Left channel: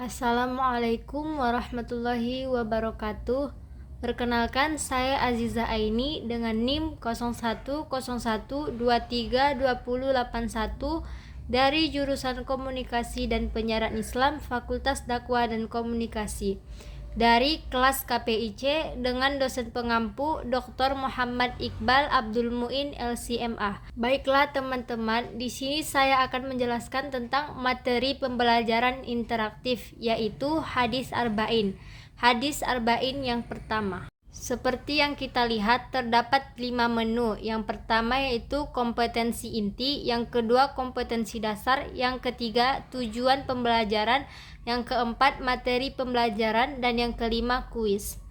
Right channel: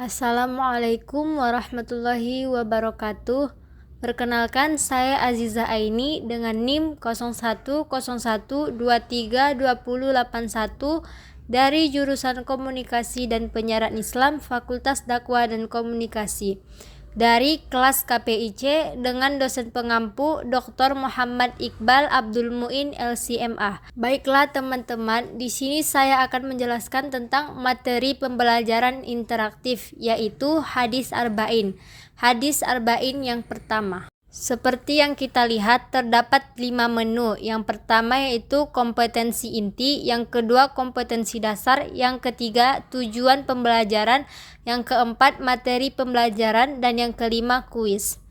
Assalamualaikum warahmatullahi wabarakatuh. Perkenalkan, saya Aziza Aini dengan NIM 0101232081 dari jurusan Komunikasi dan Penyiaran Islam Fakultas Dakwah dan Komunikasi dari kelas KPIC dengan dosen pengampu Dr. Muhammad Iqbal Abdul Muin LCMA. Baiklah teman-teman, di sini saya akan menjelaskan tentang materi pembelajaran interaktif, yaitu hadis arba'in. Hadis arba'in yang pertama. Seperti yang kita lihat, terdapat 5 menu. Yang pertama yaitu kompetensi inti, yang kedua kompetensi dasar, yang ketiga tujuan pembelajaran, yang keempat materi pembelajaran, dan yang kelima kuis.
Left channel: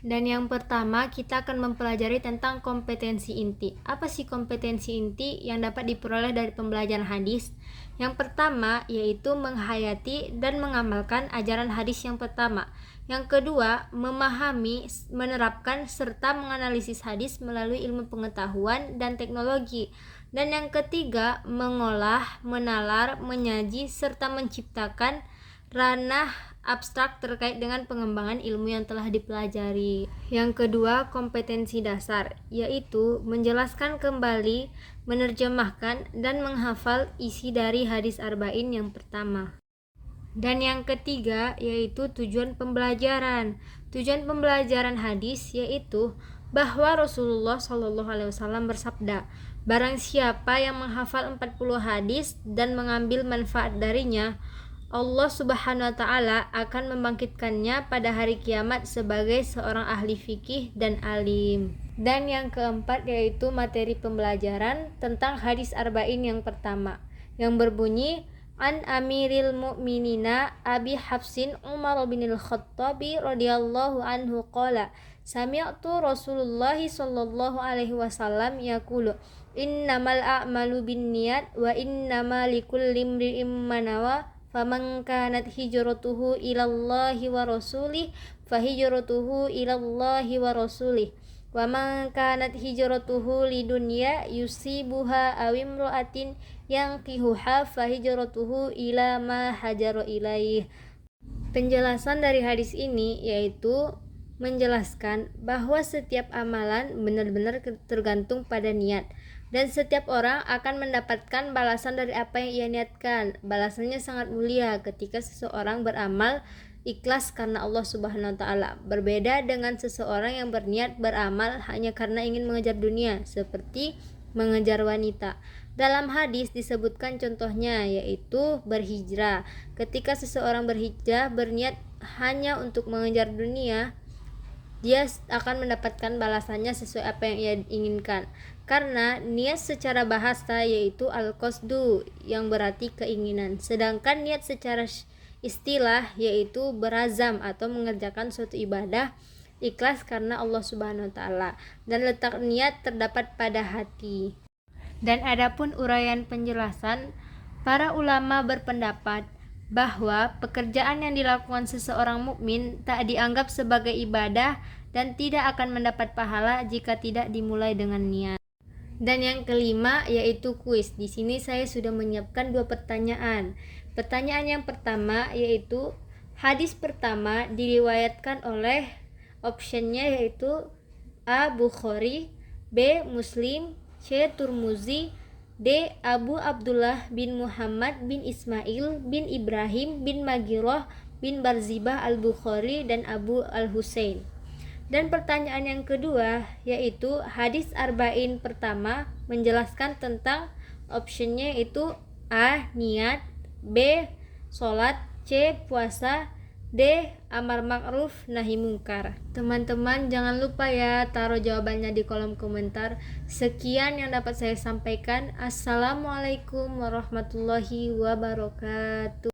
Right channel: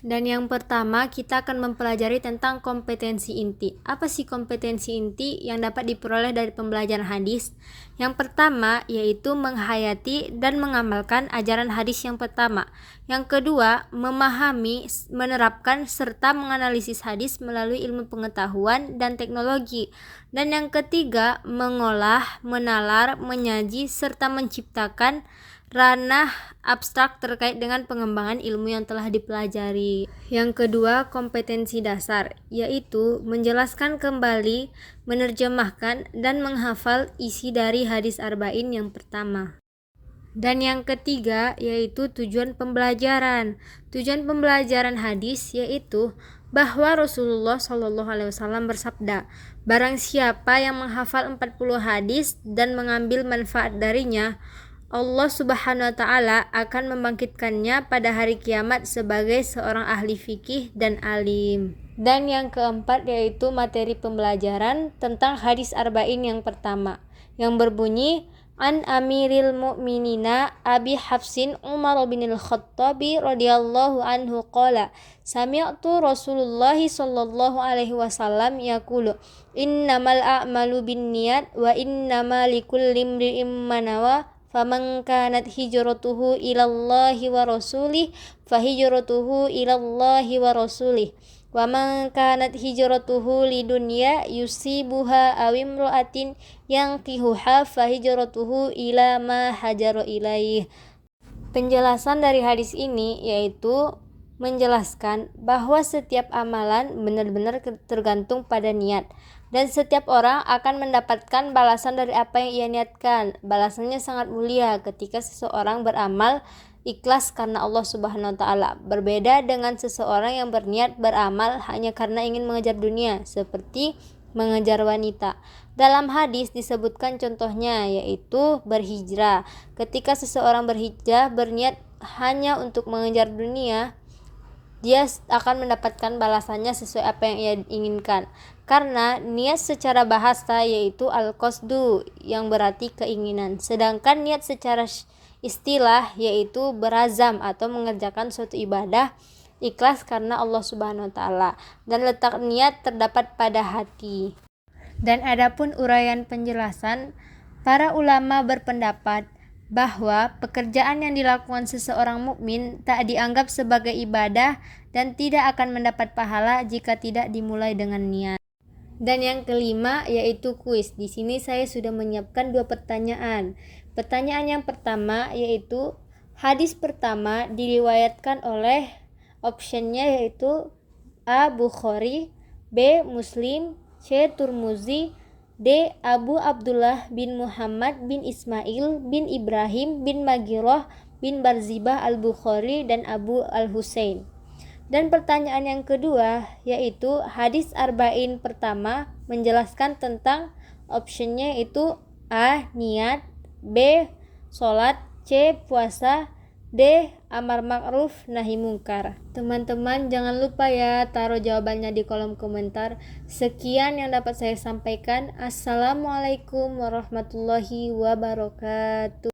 Dan yang pertama kita akan mempelajari tentang kompetensi inti. Apa sih kompetensi inti yang dapat diperoleh dari pembelajaran hadis? Yang pertama yaitu menghayati dan mengamalkan ajaran hadis yang pertama. Yang kedua, memahami, menerapkan, serta menganalisis hadis melalui ilmu pengetahuan dan teknologi. Dan yang ketiga, mengolah, menalar, menyaji, serta menciptakan ranah abstrak terkait dengan pengembangan ilmu yang telah dipelajari. Yang kedua, kompetensi dasar, yaitu menjelaskan kembali, menerjemahkan, dan menghafal isi dari hadis arba'in yang pertama. Dan yang ketiga yaitu tujuan pembelajaran. Tujuan pembelajaran hadis yaitu bahwa Rasulullah SAW bersabda, barang siapa yang menghafal 40 hadis dan mengambil manfaat darinya, Allah Subhanahu wa Ta'ala akan membangkitkannya pada hari kiamat sebagai seorang ahli fikih dan alim. Dan yang keempat yaitu materi pembelajaran tentang hadis arba'in yang pertama, yang berbunyi An Amiril Mu'minina Abi Hafsin Umar bin Al-Khattabi radhiyallahu anhu qala sami'tu Rasulullah sallallahu alaihi wasallam yaqulu innamal a'malu binniyat wa innamal likulli imri'in ma nawa faman kanat hijratuhu ilallahi wa rasulih fahijratuhu ilallahi wa rasulih wa man kanat hijratuhu lidunya yusibuha aw imra'atin yankihuha fahijratuhu ila ma hajara ilaih. Penjelasan dari hadis ini yaitu menjelaskan bahwa setiap amalan benar-benar tergantung pada niat, dan setiap orang akan mendapatkan balasan dari apa yang ia niatkan. Balasannya sangat mulia ketika seseorang beramal ikhlas karena Allah Subhanahu wa Ta'ala, berbeda dengan seseorang yang berniat beramal hanya karena ingin mengejar dunia, seperti mengejar wanita. Dalam hadis disebutkan contohnya yaitu berhijrah. Ketika seseorang berhijrah berniat hanya untuk mengejar dunia, dia akan mendapatkan balasannya sesuai apa yang ia inginkan, karena niat secara bahasa yaitu al-qasdu yang berarti keinginan, sedangkan niat secara istilah yaitu berazam atau mengerjakan suatu ibadah ikhlas karena Allah Subhanahu wa Ta'ala, dan letak niat terdapat pada hati. Dan adapun uraian penjelasan, para ulama berpendapat bahwa pekerjaan yang dilakukan seseorang mukmin tak dianggap sebagai ibadah dan tidak akan mendapat pahala jika tidak dimulai dengan niat. Dan yang kelima yaitu kuis. Di sini saya sudah menyiapkan 2 pertanyaan. Pertanyaan yang pertama yaitu hadis pertama diriwayatkan oleh optionnya yaitu A. Bukhari, B. Muslim, C. Turmuzi, D. Abu Abdullah bin Muhammad bin Ismail bin Ibrahim bin Magirah bin Barzibah al-Bukhari dan Abu al-Husain. Dan pertanyaan yang kedua yaitu hadis arba'in pertama menjelaskan tentang optionnya itu A. Niat, B. Sholat, C. Puasa, D. Amar ma'ruf nahi mungkar. Teman-teman jangan lupa ya taruh jawabannya di kolom komentar. Sekian yang dapat saya sampaikan. Assalamualaikum warahmatullahi wabarakatuh.